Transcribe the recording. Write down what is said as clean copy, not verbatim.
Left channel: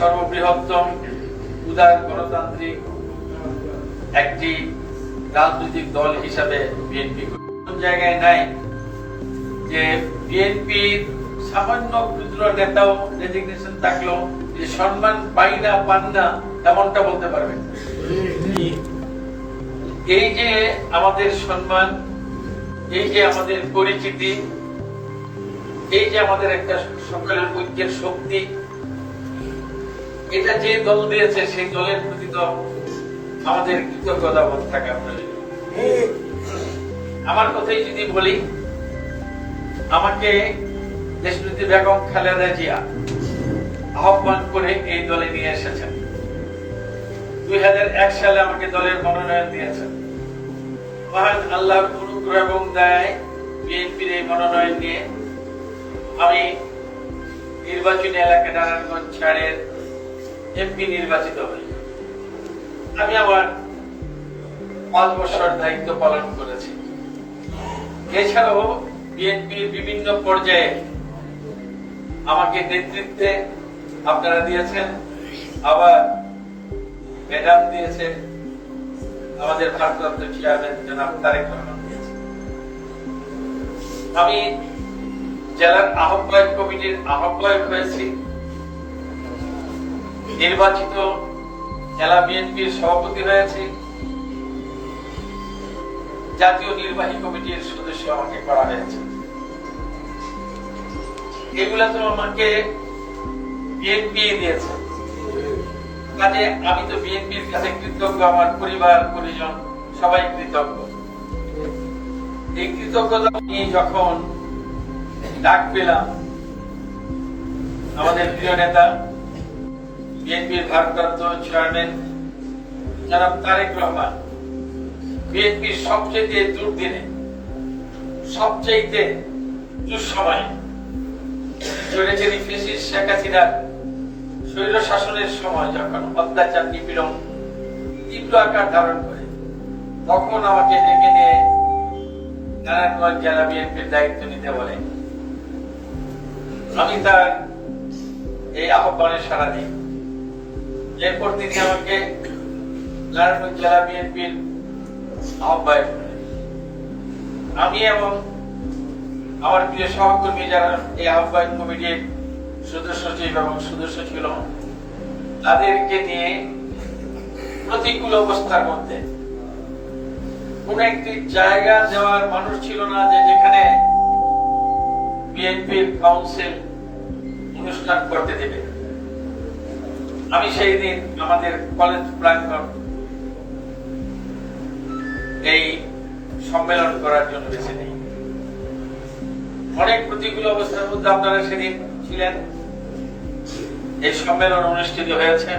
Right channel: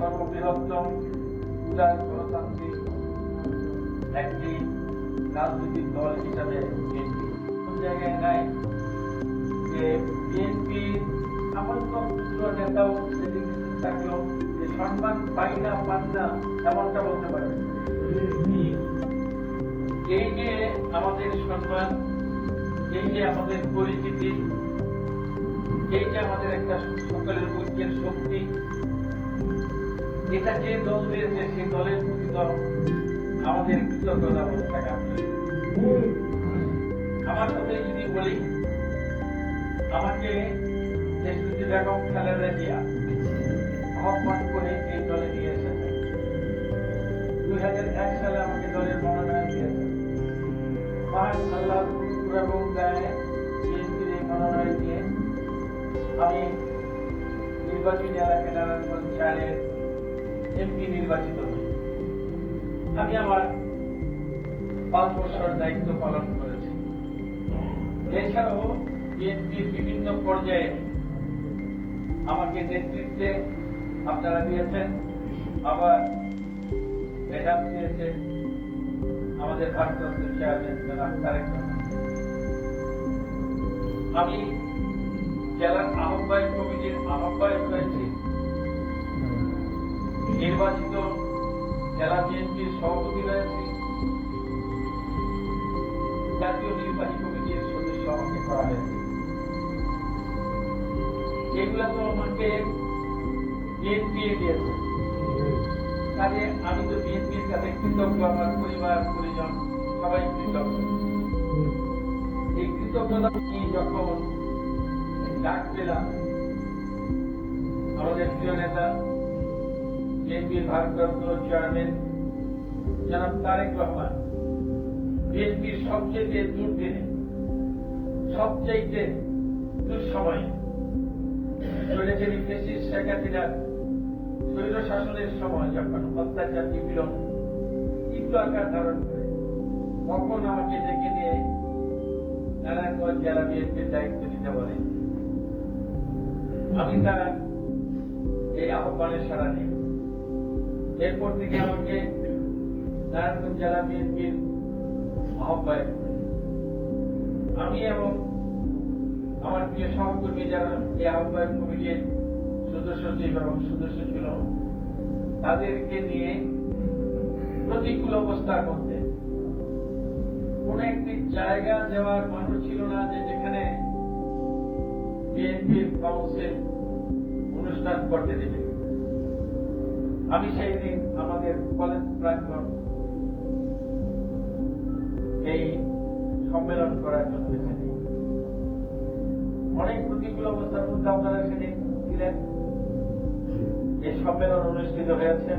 সর্ববৃহত্তম উদার গণতান্ত্রিক একটি রাজনৈতিক দল হিসাবে বিএনপি কোন জায়গায় নাই যে বিএনপির সামান্য ক্ষুদ্র নেতাও রেজিগনেশন থাকলো যে সম্মান পাই না পান না এমনটা বলতে পারবে। এই যে আমাদের সম্মান, এই যে আমাদের পরিচিতি, এই যে আমাদের একটা সকলের ঐক্যের শক্তি, এটা যে দল দিয়েছে সেই দলের প্রতি তো আমাদের কৃতজ্ঞতা বোধ থাকা প্রয়োজন। আমার কথাই যদি বলি, আমাকে দেশনেত্রী বেগম খালেদা জিয়া আহ্বান করে এই দলে নিয়ে এসেছেন। 2001 সালে আমাকে দলের মনোনয়ন দিয়েছেন। মহান আল্লাহর অনুগ্রহ এবং দয়ায় বিএনপির এই মনোনয়ন নিয়ে আমি নির্বাচনী এলাকা নারায়ণগঞ্জ 4-এর এমপি নির্বাচিত হই। আমি আমার 5 বছর দায়িত্ব পালন করেছি। এছাড়াও বিএনপির বিভিন্ন পর্যায়ে আমাকে নেতৃত্বে আপনারা দিয়েছেন, আবার ম্যাডাম দিয়েছে, আমাদের ভারপ্রাপ্ত চেয়ারম্যান জনাব তারেক রহমান দিয়েছে। আমি জেলার আহ্বায়ক কমিটির আহ্বায়ক হয়েছি, নির্বাচিত জেলা বিএনপির সভাপতি হয়েছি, জাতীয় নির্বাহী কমিটির সদস্য আমাকে করা হয়েছে। এগুলা তো আমাকে বিএনপি দিয়েছে, কাজে আমি তো বিএনপির কাছে কৃতজ্ঞ, আমার পরিবার পরিজন সবাই কৃতজ্ঞ। এই কৃতজ্ঞতা নিয়ে যখন ডাক পেলাম আমাদের প্রিয় নেতা বিএনপির ভারপ্রাপ্ত চেয়ারম্যান জনাব তারেক রহমান, বিএনপির সবচেয়ে দুর্দিনে, সবচেয়ে দুঃসময়ে, চলেছেন ফ্যাসিস্ট শেখ হাসিনার স্বৈর শাসনের সময় যখন অত্যাচার নিপীড়ন তীব্র আকার ধারণ করে, তখন আমাকে ডেকে নিয়ে নারায়ণগঞ্জ জেলা বিএনপির দায়িত্ব নিতে বলে। আমি তার এই আহ্বানে সাড়া দিই। এরপর তিনি আমাকে নারায়ণগঞ্জ জেলা বিএনপির আহ্বায়ক করেন। আমি এবং আমার প্রিয় সহকর্মী যারা এই আহ্বায়ক কমিটির সদস্য সচিব এবং সদস্য ছিল, তাদেরকে নিয়ে প্রতিকূল অবস্থার মধ্যে কোন একটি জায়গা যাওয়ার মানুষ ছিল না যে যেখানে বিএনপির কাউন্সিল অনুষ্ঠান করতে দেবে। আমি সেই দিন আমাদের কলেজ প্রাঙ্গণ এই সম্মেলন করার জন্য বেছে নিই। অনেক প্রতিকূল অবস্থার মধ্যে আপনারা সেদিন ছিলেন। এই সম্মেলন অনুষ্ঠিত হয়েছে।